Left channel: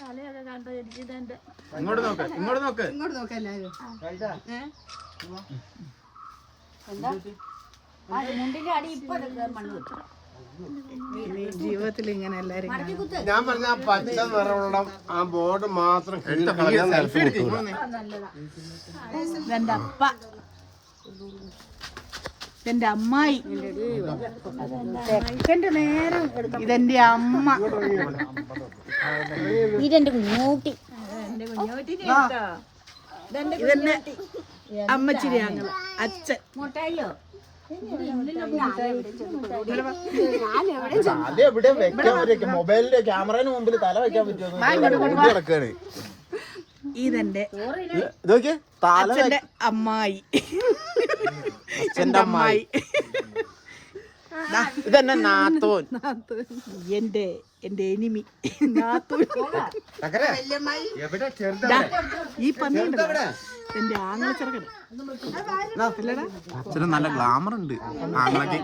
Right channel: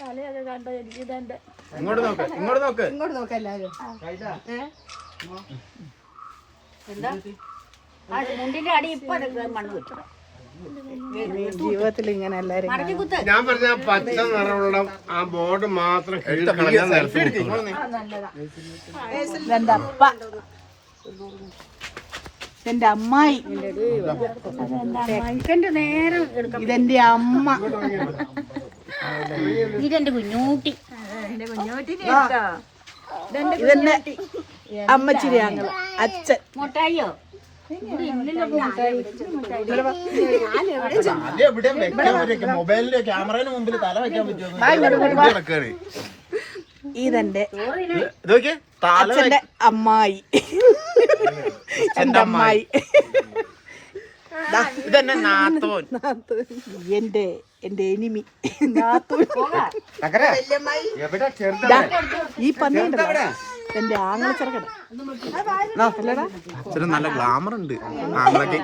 തലയൊക്കെ കണ്ടോ എനിക്ക് ഇതെന്റെ ഇങ്ങോട്ട് നോക്ക് ഇങ്ങോട്ട് നോക്ക് എല്ലാവരും. എന്താ മുണ്ടിന്റെ അടി ഇപ്പൊ മണ്ണ് കിട്ടും ജീവിതത്തിൽ ഇങ്ങനെ എല്ലാരും ഞാൻ പറഞ്ഞ പച്ച നിറമുള്ള ആ ബോർഡ് മാത്രം സെൽഫി എടുക്കും. ഇതെന്റെ അപ്പ, ഇതെന്റെ അമ്മായി, ഇതെന്റെ അമ്മ, ഇതെന്റെ കുഞ്ഞൂട്ടി, ഇതെന്റെ അമ്മച്ചിരി ഞങ്ങള് അച്ഛൻ. മുട്ടായിയോ മൊബൈലിന്റെ ക്യാമറയുടെ മുമ്പിൽ തല വെക്കാൻ പറ്റുമോ? ഇതെന്റെ അച്ഛന്റെ അമ്മായി, എന്റെ അമ്മായി, ഇതെന്നെ നാത്തൂൻ, എന്റെ എനിമി നാത്തൂൻ. ഈ പന്നിയുണ്ടല്ലോ എന്റെ ആങ്ങള ചെറുക്കട നല്ല ഗ്ലാമർ ഉണ്ട് ആങ്ങളൊക്കെ.